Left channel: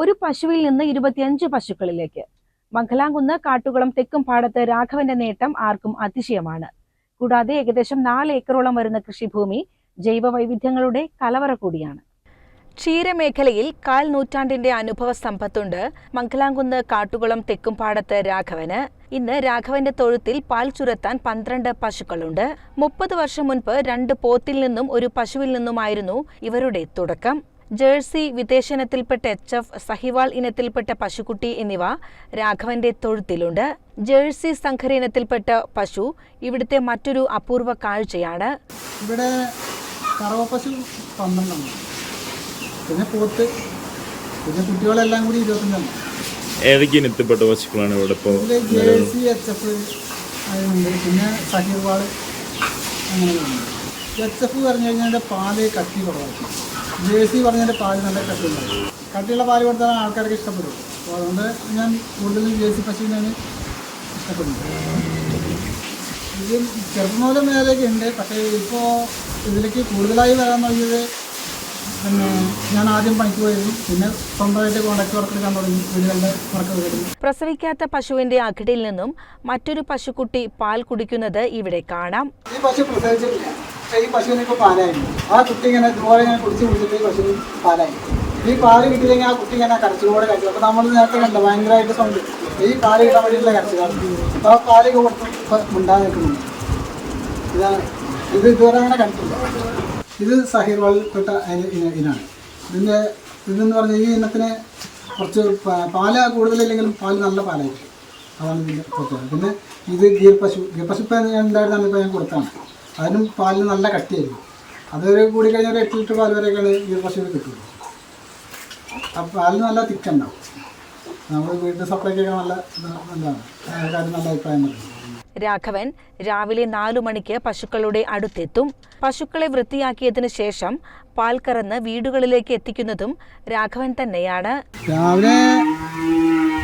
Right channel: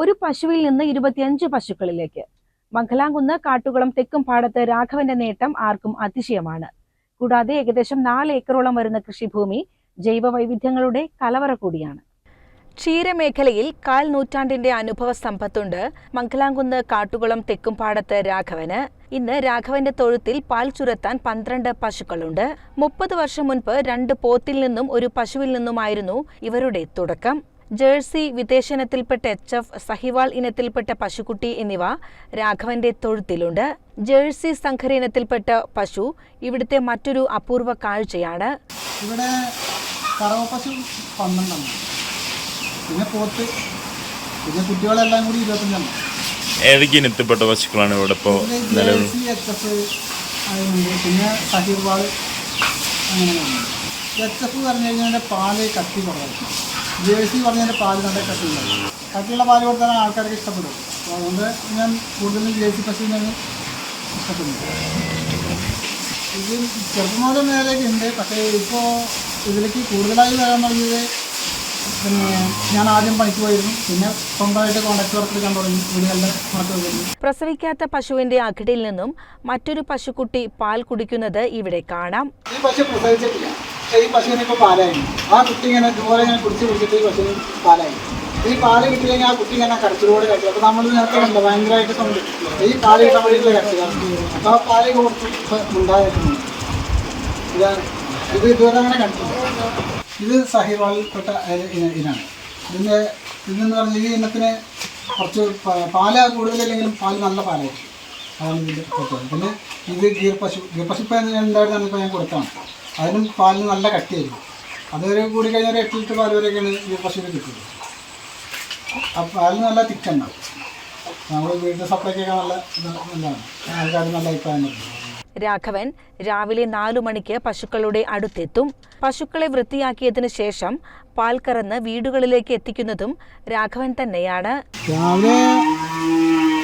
ഒരു പശുവിൽ നിന്ന് ഇരുപത്തിയഞ്ച് പശുക്കളിലേക്ക്. മംഗലാംകുന്ന് കാട്ടുകളും തെക്കും പാടത്ത് രാഘവന്റെ നേട്ടം ആർക്കും അതിശയമാണ്. കൂടാതെ ഏകദേശം നാല് ഏക്കറോളം വരുന്ന കൃഷിഭൂമി ജൈവ വൈവിധ്യങ്ങളുടെ കലവറ കൂടിയാണ്. ക്ഷീരമേഖലയിൽ കാൽ നൂറ്റാണ്ടിന്റെ അനുഭവ സമ്പത്തുണ്ട് മംഗലാംകുന്ന് കാട്ടുകുളം തെക്കുംപാടത്ത് രാഘവന്. ഇന്ന് രാഘവന്റെ തൊഴുത്തിൽ പാൽ ചുരത്താൻ പന്ത്രണ്ട് പശുക്കളുണ്ട്. മുപ്പത് വർഷം മുൻപ് രണ്ട് പോത്തിൽ നിന്നും ഒരു പശുവിൽ നിന്നുമായിരുന്നു ഇവരുടെ തുടക്കം. ജേഴ്സി വിദേശനത്തിൽപ്പെട്ട എച്ച് എഫ് സഹിവാൾ ഇനത്തിൽപ്പെട്ട പശുക്കുട്ടി എന്നിവ രാഘവന്റെ തൊഴുത്തിലുണ്ട്. ജേഴ്സി സംഘര ഇനത്തിൽപ്പെട്ട പശു ഇവിടുത്തെ മറ്റൊരു അപൂർവ കാഴ്ചയാണ്. ഇവിടെ കറവപ്പശു പന്ത്രണ്ടെണ്ണം. പിന്നെ പോത്ത് പിന്നെ കുട്ടികളെല്ലാം കൂടി ഇരുപത്തഞ്ചെണ്ണം. ഏതൊക്കെ ഇനത്തിൽപ്പെട്ട പശുക്കളാണ് ഇവിടെ ഇപ്പോൾ ജേഴ്സി എച്ച് എഫ് പിന്നെ സഹിവാൾ അങ്ങനെയാണ് എച്ച് എഫ് പറഞ്ഞു കഴിഞ്ഞാൽ പാൽ കട്ടി കുറവായിരിക്കും. ജേഴ്സി പറഞ്ഞതിന്റെ പാൽ നല്ല കട്ടിയുള്ള. കട്ടിയുള്ള പാൽ കൊടുത്താൽ ആൾക്കാർക്ക് ഇഷ്ടപ്പെടും അപ്പോൾ അതുകൊണ്ട് ഞാൻ കൂടുതലും ജേഴ്സി പശുവിനാണ് ഇഷ്ടപ്പെടുന്നത്. ഇത് ചെറുപ്പം മുതൽ നേരെയൊക്കെ ഉണ്ട്. പക്ഷേ ഇപ്പോൾ ഇതിലേക്ക് കൂടുതലായി വരാൻ തുടങ്ങിയത് പിന്നെ ഞാൻ ആദ്യം പണിക്ക് പോയിരുന്നു. പിന്നെ സ്വന്തമായിട്ട് കോൺട്രാക്ട് വർക്ക് എടുക്കാൻ തുടങ്ങി. വീടുകളുടെ വർക്ക് വരുന്നു പ്രസവിക്കാത്ത പശുവിന്റെ അകിടിൽ നിന്നും മറ്റൊരു പശുക്കുട്ടി പാൽ കുടിക്കുന്നത് ഇവിടെ കാണാം. ഈ പശു പ്രസവിച്ചിട്ടില്ല. ഈ പശുവിന് ഇപ്പോൾ പാലായി. ആ കുട്ടി ഇങ്ങനെ ഇതുപോലെ ഇങ്ങനെ കുടിച്ച് കുടിച്ചിട്ട് ഈ പശുവിന് പാലായി. ഈ പാൽ കിട്ടിയില്ലെങ്കിൽ ആ കുട്ടി ഇങ്ങനെ കരച്ചിലൂടെ കരച്ചു. അപ്പോൾ നമ്മൾ നേരത്തെ കണ്ടു ഭയങ്കരമായിട്ട് കൊണ്ട് ഈ പാൽ കിട്ടാൻ വേണ്ടിയിട്ടുള്ള കരച്ചിലാണ് അപ്പോൾ ആ പാൽ കൊടുത്ത് ഉണ്ടായിട്ടുണ്ട് ഇതാണ്. ഇത് ഇതുവരെ അങ്ങനെ കണ്ടിട്ടില്ല. ഇത് സഹിർവാൾപ്പെട്ട ഇനാണ്. ഇതിന്റെ ഇതെന്ന് പറഞ്ഞാൽ ഈ ഇനത്തിന് കുറച്ച് പാൽ കൂടുതലില്ലെങ്കിലും പാൽ നല്ല പാലായിരിക്കും. അതാണ് ഇതിന്റെ പ്രത്യേകത. പിന്നെ ഇത് ഗീർ പശു ഗീർ പശു ഇപ്പോൾ ഞാൻ ഉണ്ടായിരുന്നത് ഇപ്പോൾ ഞാൻ കൊടുത്താണ് അതിനും പാലിന് നല്ല കട്ടിയായിരിക്കും. അതൊരു കൂടി കഴിഞ്ഞാൽ ഒരു എട്ട് ലിറ്റർ പാൽ വരെയൊക്കെയാണ് ഈ പശുവിൽ കിട്ടുന്നത് ആ പാലിന് നല്ല തിക്കുണ്ടാവും. നമ്മൾ വീട്ടിൽ സപ്ലൈക്കൊക്കെ നല്ല നല്ലതാണ്. ആൾക്കാർ നല്ല അഭിപ്രായം രാഘവൻ രാവിലെ നാലു മണിക്ക് പശുക്കളുടെ അടുത്തെത്തും. പശുക്കളെ വൃത്തിയാക്കിയതിനു ശേഷം പാൽ കറന്ന് വീടുകളിലേക്ക് എത്തിക്കുന്നതും രാഘവൻ തന്നെയാണ്. രാവിലെ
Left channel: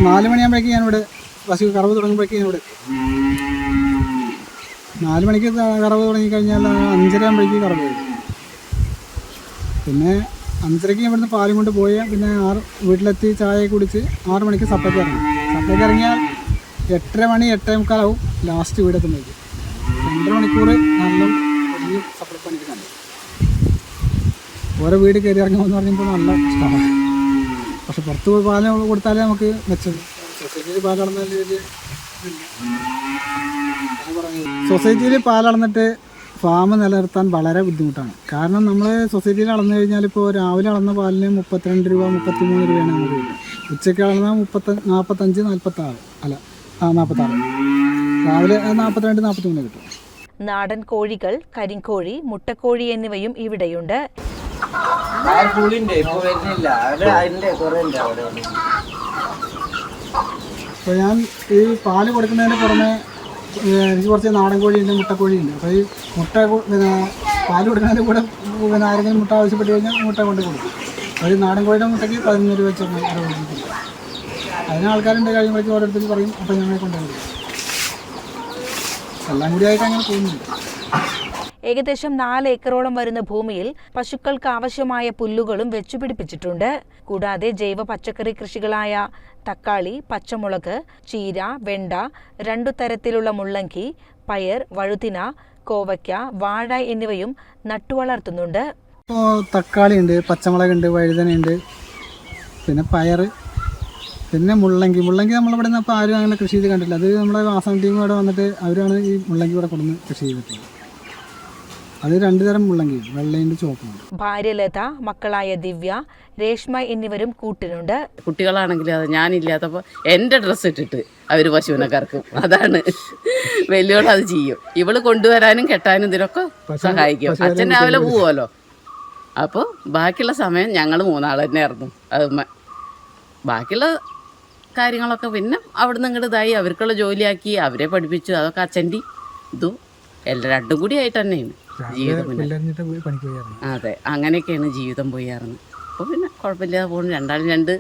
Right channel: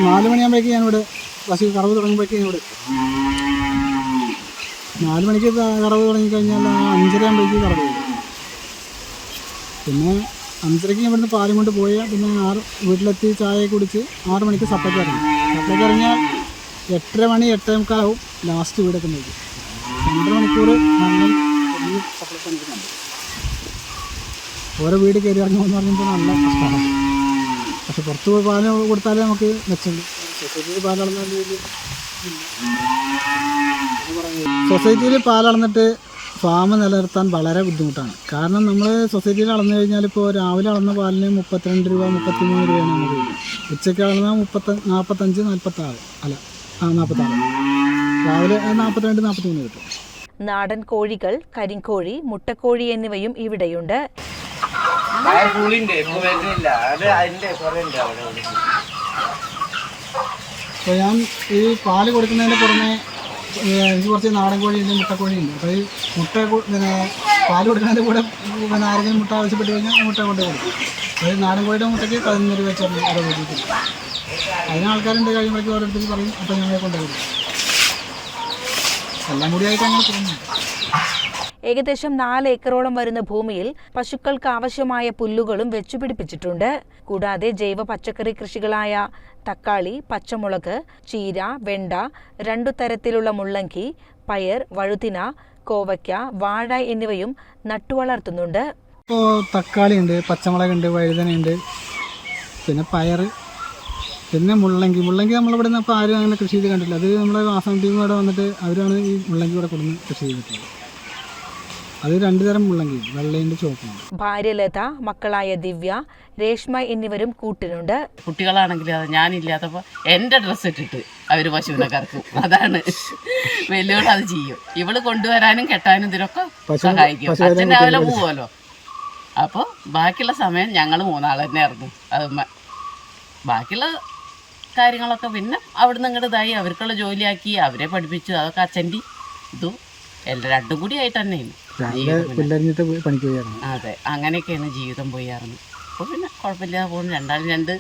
നാല് മണിയാകുമ്പോഴേക്കും ഞാനിവിടെ പശു കറവ് തുടങ്ങുമ്പോഴേക്കും ഞാനിവിടെ. നാല് മണിക്ക് കറവ് തുടങ്ങിക്കഴിഞ്ഞാൽ അഞ്ചര ആകുമ്പോഴേക്കും കറവ് വരും പിന്നെ അഞ്ചരയ്ക്ക് ഇവിടുന്ന് പാലും കൊണ്ട് പോയി പിന്നെ ആറ് വീട്ടിലെത്തി ചായ കുടിച്ച് ആറ് മണിക്ക് സപ്പയ്ക്ക് ഇറങ്ങും. സപ്പയ്ക്ക് ഇറങ്ങിയാൽ എട്ടര മണി എട്ടേ മുക്കാലാവും ലാസ്റ്റ് വീട് എത്തുമ്പോഴേക്കും. രണ്ടര മണിക്കൂർ നല്ല ഓരോ വീട് കയറി ഇറങ്ങുമെന്ന് പറയുമ്പോൾ നല്ല കഷ്ടമാണ്. പക്ഷെ പുറത്ത് പോയി പാൽ കൊടുത്താലേ നമുക്ക് മെച്ചമുണ്ട് പാലം പാൽ അളന്ന രീതി സൊസൈറ്റിയിൽ പാലളന്നിട്ട് ഫാം നിലനിർത്താൻ വളരെ ബുദ്ധിമുട്ടാണ്. കാരണം നമ്മൾ സൊസൈറ്റിയിൽ അളന്നു കഴിഞ്ഞാൽ ഇപ്പോൾ രാവിലെ അളന്ന പാലിന് മുപ്പത്തിരണ്ട് രൂപ മുപ്പത്തിമൂന്ന് രൂപയാണ് നമുക്ക് വരുന്നത്. ഉച്ചയ്ക്ക് അളന്നാൽ മുപ്പത്തി നാൽപ്പത്തഞ്ച് നാൽപ്പത്താറ് അല്ല ആ നാൽപ്പത്താറ് രാവിലെ നാൽപ്പത്തിരണ്ട് നാൽപ്പത്തിമൂന്ന് കിട്ടും. നാടൻ കോഴികൾ കരിങ്കോഴി മുട്ടക്കോഴി എന്നിവയും ഇവിടെയുണ്ട്. അപ്പോൾ ഞാൻ ഈ പാൽ കൊടുക്കുന്നതിന് പുറമെ എനിക്ക് കുറച്ച് നാടൻ കോഴിയുണ്ട് മുട്ടക്കോഴിയുണ്ട് അപ്പോൾ ഈ മുട്ട പിന്നെ പാൽ കൊടുക്കുന്നതിന്റെ കൂടെ പിന്നെ ആരെങ്കിലും മുട്ട ആവശ്യപ്പെട്ട് കഴിഞ്ഞാൽ മുട്ട കൊണ്ട് കൊടുക്കും. അത് നാടൻ കോഴിയുടെ മുട്ടയ്ക്ക് പതിനൊന്ന് രൂപ വെച്ചാണ് ഓരോ വീട്ടിൽ അതിന് ആൾക്കാരുണ്ട് കഴിയുമ്പോഴേക്കും ഓരോരുത്തർ പറയും അപ്പോൾ ഞങ്ങളെ കൊണ്ടുപോകും കൊടുക്കും എല്ലാം കൂടി അങ്ങനെ പോകുന്നുണ്ട്. ഏകദേശം നാല് ഏക്കറോളം വരുന്ന ഭൂമിയിൽ പശുക്കൾക്ക് ആവശ്യമായ പുല്ലുകളും വെച്ചുപിടിപ്പിച്ചിട്ടുണ്ട്. കൂടാതെ ജൈവ പച്ചക്കറി കൃഷികളായ തക്കാളി പച്ചമുളക് ചീര വെണ്ട രണ്ടു തരത്തിലുള്ള മുള്ളങ്കി പയർ വഴുതിന കോവയ്ക്ക വാഴ എന്നിവയും നട്ടുവളർത്തുന്നുണ്ട്. ഇപ്പോൾ തക്കാളി ഉണ്ട് പച്ചമുളക് പച്ചമുളകുണ്ട് വഴുതനയുണ്ട് പിന്നെ പയർ പിന്നെ മുള്ളങ്കി. മുള്ളങ്കി നമ്മളിവിടെ നിന്ന് ഇപ്പോൾ ആരും അങ്ങനെ കൃഷി ചെയ്ത് കണ്ടിട്ടില്ല. അത് നമ്മളെ ആസാം ടീം ഇവിടെ വന്നിട്ട് അവരാണ് ഈ മുള്ളങ്കി ഇവിടെ കൊടുന്ന് കൃഷി ചെയ്തിട്ടുള്ളത്. അത് രണ്ട് തരം മുള്ളങ്കി വെള്ളേന്റെ ചുവപ്പും ഭാര്യ ലത മക്കളായ ദിവ്യ രേഷ്മ എന്നിവരും കൂട്ടിനുണ്ട് കുട്ടികളാണെങ്കിൽ അത് ഞാനില്ലാത്തപ്പോൾ എന്റെ ഡ്രസ്സ് ഇട്ടിട്ട് അവർ പശുവിനെ കറക്കും. അതാണ്. വലിയോട് അത് ചെയ്യും. ഇവൾ കൊണ്ടുവരാനും കെട്ടാനും ഇതിനൊക്കെ സഹായിക്കും. അച്ഛൻ രാവിലെ പോവുമല്ലോ. അപ്പോൾ ബാക്കിയുള്ള സമയം ഞങ്ങൾ മൂന്നാൾ തന്നെയായിരുന്നു അത് മ- ബാക്കിയുള്ള കാര്യങ്ങളൊക്കെ പിന്നെ അവിടുന്ന് ഇങ്ങോട്ട് ഇതായി. അവർക്കുള്ള ജോലിയാക്കി അവരെ പഠിപ്പിച്ചു. അതൊക്കെ അച്ഛന്റെ ഇതും. എല്ലാം രണ്ടും കൂടി ആയിട്ട് തന്നെയാണ്. ജീവിതം അതെ. അങ്ങനെയൊക്കെയാണ് ജീവിതം പോയാറുന്നത് അപ്പോൾ പിന്നെ കുഴപ്പമില്ലാതെ പോകുന്നു. രണ്ടാളും രണ്ട്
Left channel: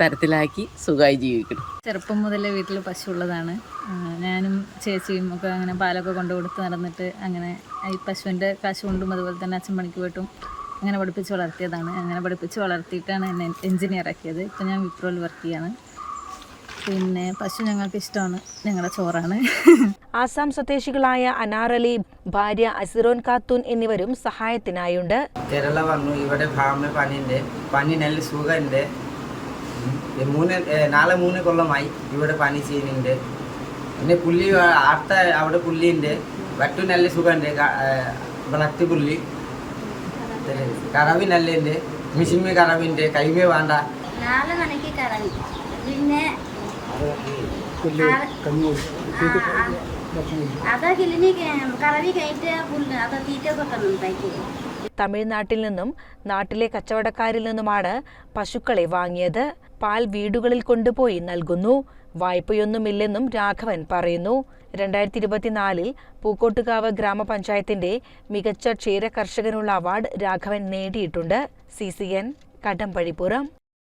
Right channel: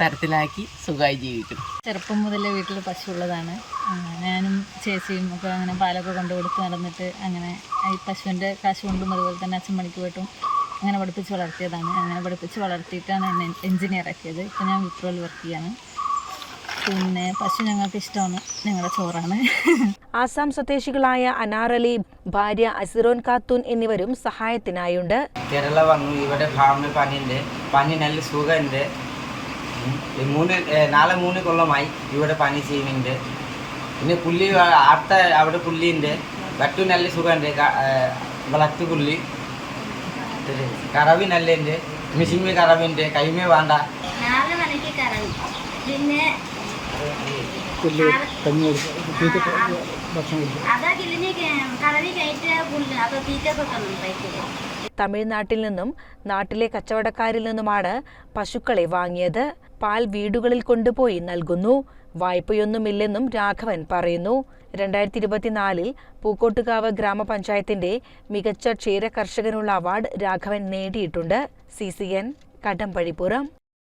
തരത്തിലാക്കി സുഖമായി ജീവിക്കണം ചെറുപ്പം മുതലേ വീട്ടിൽ പശു ഉള്ളതാണ് ഞാനും ചേച്ചിയും ഒക്കെ അങ്ങനെ പാലൊക്കെ കൊണ്ടു കൊടുത്ത് നടന്നിട്ട് അങ്ങനെ ഈ പശുവിന്റെ കാശ് കൊണ്ടും അതുപോലെ തന്നെ അച്ഛൻ പണിക്ക് പോയിട്ടും അങ്ങനെ പഠിപ്പിച്ച് വളർത്തിയതാണ്. അങ്ങനെ പഠിപ്പിച്ച് വളർത്തിയിട്ടാണ് എന്നെ എഞ്ചിനീയർ ആക്കിയത്. ഇപ്പം ഞാൻ വിപ്രോയിൽ വർക്ക് ചെയ്യാണ്. പിന്നെ പശു ഞങ്ങൾക്ക് ഇഷ്ടമാണ്. ഞങ്ങളുടെ ചോറാണ്. ആസാം സ്വദേശികളായ അനാറലി ഭാര്യ അസിറോൻ കാത്തൂൻ എന്നിവരും സഹായത്തിനായുണ്ട്. കേരള വന്നു. ഇവിടെ ഫാമിൽ പനിയുണ്ട്. പനി നല്ല സുഖമുണ്ട്. മൂന്ന് നാളെ മൂന്ന് കൊല്ലമായി ഇവിടെ പനി ചെയ്യുന്നുണ്ട്. പിന്നെ പുള്ളി അടുത്ത അവിടെ പുള്ളിയുണ്ട് വറ്റു നല്ല സുഖമുണ്ട്. ബ്ലഡ് പുള്ളി കറവി നല്ലുണ്ട് മിഷിമ്മ കറവിന്റെ കൈമേ വേണ്ട. നാളെ മണിക്ക് കറവി. പിന്നെ പുല്ല് കഞ്ഞി. തീറ്റ തമിഴ്നാട്ടിൽ നിന്നും നാട്ടിലെ കച്ചവടക്കാരിൽ നിന്നുമാണ് പശുക്കളെ വാങ്ങിയത്. പാൽ വീടുകളിൽ കൊണ്ടുപോയി നൽകുന്നു. വായ്പയൊന്നുമില്ലെന്നും രാഘവൻ പറയുന്നു. രണ്ടായിരത്തി ഇരുപത്തിനാലിൽ പൂക്കോട്ടുകാവ് ഗ്രാമപഞ്ചായത്തിന്റെ മികച്ച ക്ഷീര കർഷകനുള്ള അവാർഡ് രാഘവൻ നേടിയിട്ടുണ്ട്. C C N Kadampazhipuram.